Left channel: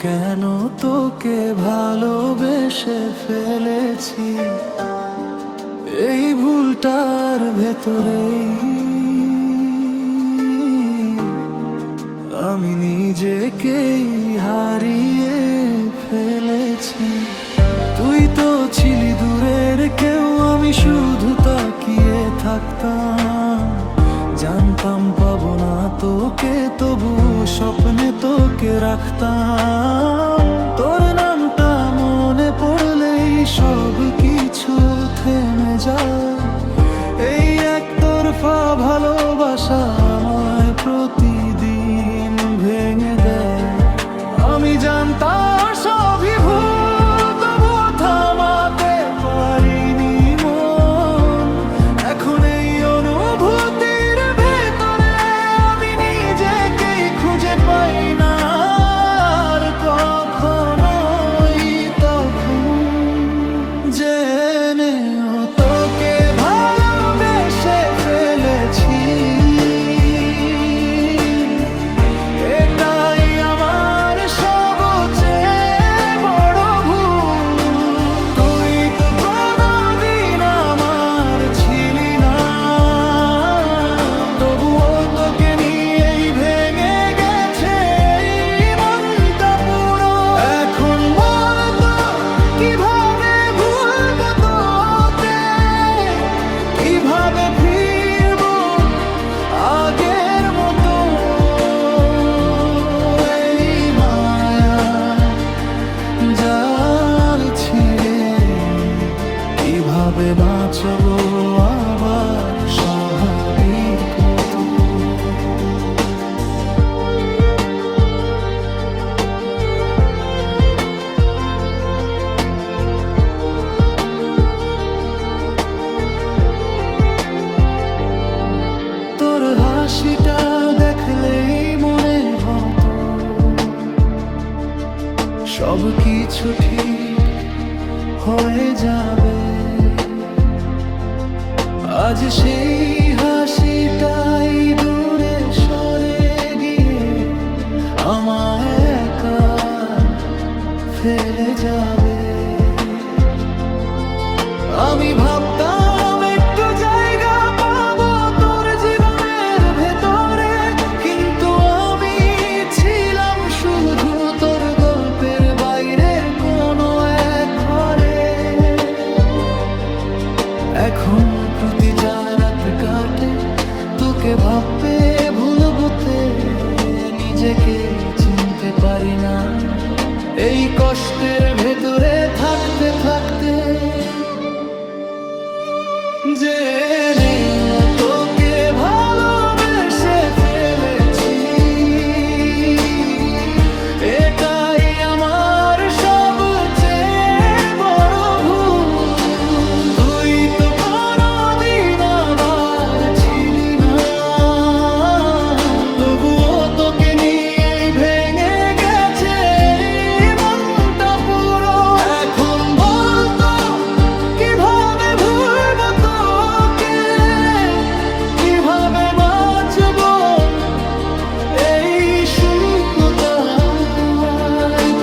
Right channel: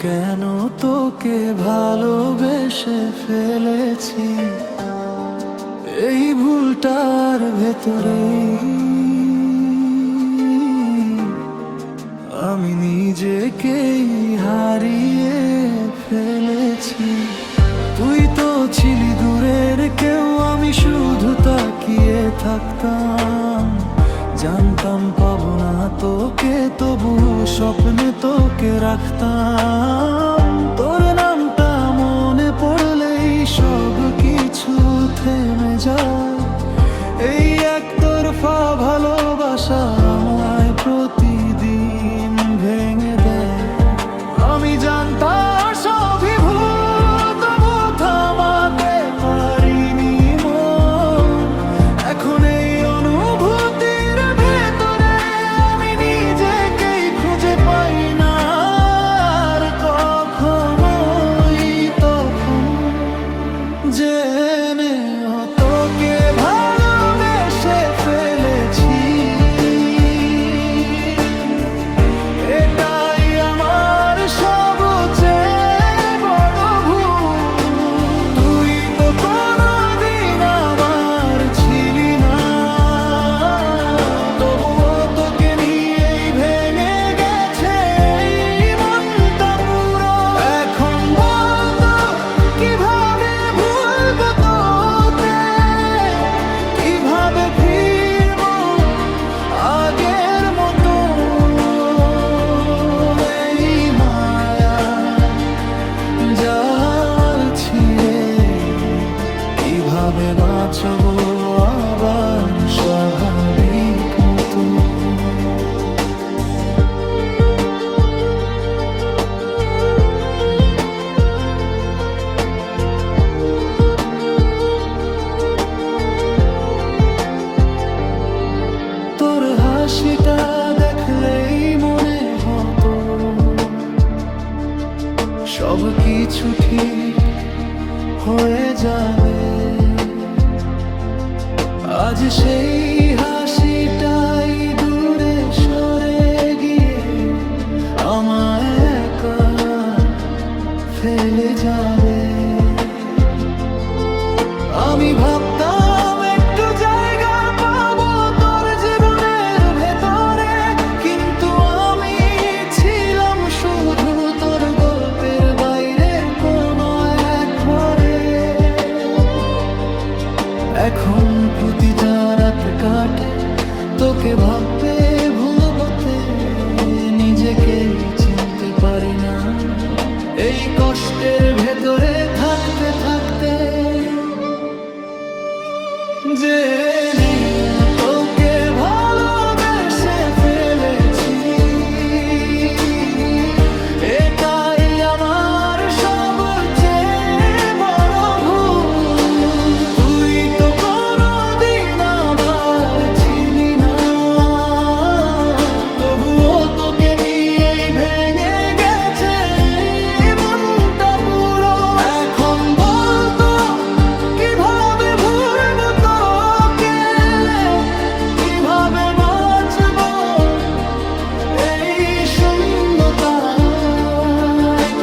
কেন তোকে ভালোবেসে ফেলেছি, এই ভুলটার ভেতরেই আমি নিজেকেই হারিয়ে ফেলেছি। তুই তো ছিলি দূরের কেউ, আমি শুধু তাকিয়ে থাকতাম। জানতাম পাবো না তোকে, তবু স্বপ্নে তোকে রাখতাম। তোর নামটা মনে পড়লেই সব কিছু থেমে যায়। এই একতরফা ভালোবাসা আমায় প্রতিদিন ভেঙে দেয়। আমি জানতাম সবই ভুল, তবু থামাতে পারিনি মন। এখন এই অনুভূতির ভেতরে আমি নিজেকেই খুঁজে পাই না আর কখনোই। তখন জেনেও তোকে ভালোবেসে ফেলেছি, এটাই আমার সবচেয়ে বড় ভুল। তুই তো কোনোদিন আমার ছিলি না, তবুও তোকে নিয়েই ভেঙে গেছে এই মনটা পুরো। এখন বলতো কিভাবে ভুলবো তোকে, কিভাবে ফিরবো আগের মতো। এই মায়া জাল ছিঁড়ে কিভাবে বাঁচবো আবার স্বাভাবিক মতো। তোর হাসিটা দেখলেই মনে হতো সব কিছু ঠিক হয়ে যাবে। আজ সেই হাসিটাই দূরে সরে গিয়ে আমায় একা ফেলে যাবে। আমি ভাবতাম একটু জায়গা পাবো তোর জীবনের ভেতরে, কিন্তু আমি ছিলাম শুধু তোর গল্পের বাইরের কোনো এক ঘরে। এখন প্রতি যা রাত কাটে তোকে ভাবতে ভুলবোতে নিজেকেই চিনতে পারি না। এই কষ্টের ভেতরে থাকতে থাকতে জেনেও তোকে ভালোবেসে ফেলেছি, এটাই আমার সবচেয়ে বড় ভুল। তুই তো কোনোদিন আবার ছিলি না, তবুও তোকে নিয়েই ভেঙে গেছে এই মনটা পুরো। এখন বলতো কিভাবে ভুলবো তোকে, কিভাবে বাঁচবো এই শূন্যতায়।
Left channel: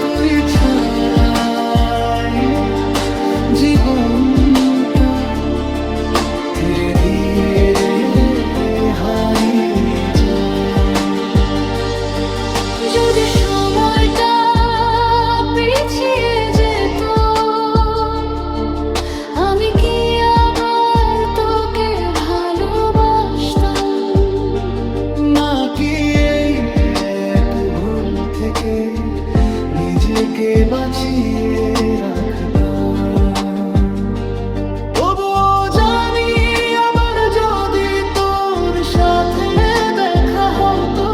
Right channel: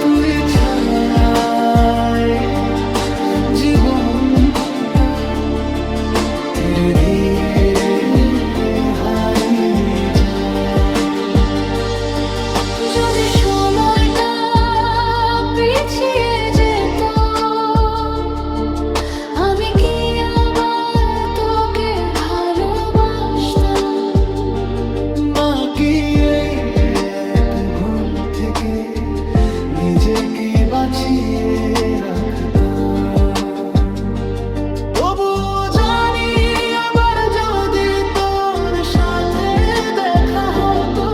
তুই ছাড়াই জীবনটা ধীরে ধীরে হারিয়ে যায়। যদি সময়টা পিছিয়ে যেত, আমি কি আবার তোকে ভালোবাসতাম? নাকি এই এক ভুল থেকে নিজেকে বাঁচিয়ে রাখতাম। তবুও জানি আবার যদি তোর সাথে দেখা হতো,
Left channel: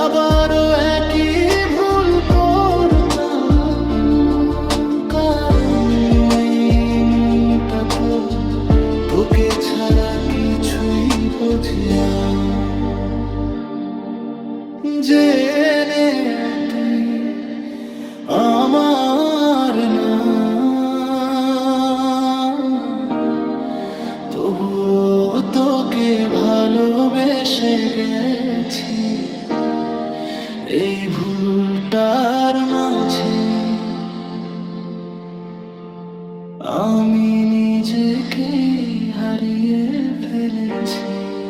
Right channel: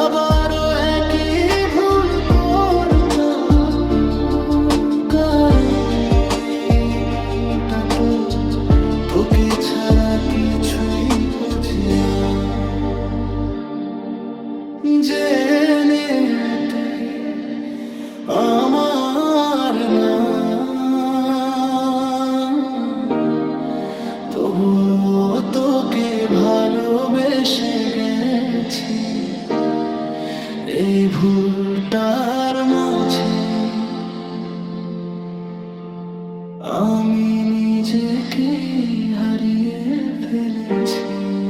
আবারও একই ভুল করতাম। কারণ এই মনটা তো তোকে ছাড়া কিছুই বোঝে না। জেনে তুই আমার না, তবুও তোকে ভালোবেসে গেছি, এই ভুলটার মাঝে আমি নিজেকে হারিয়ে ফেলেছি।